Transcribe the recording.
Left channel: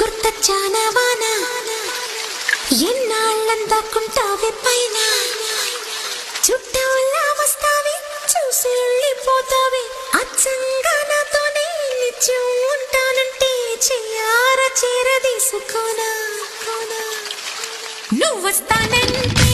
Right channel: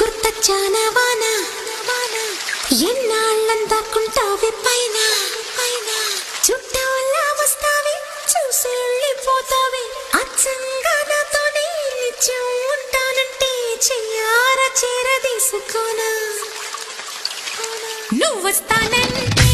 గుర్తొచ్చానా వాన ఎన్నాళ్ళందాకుంటావే పైన చుట్టూలా వస్తావే చూసి వెళ్ళిపోతావే అచ్చంగా నాతోనే నిత్యం ఉంటానంటే చెయ్యార చేరదీసుకోనా నువ్వు వస్తానంటే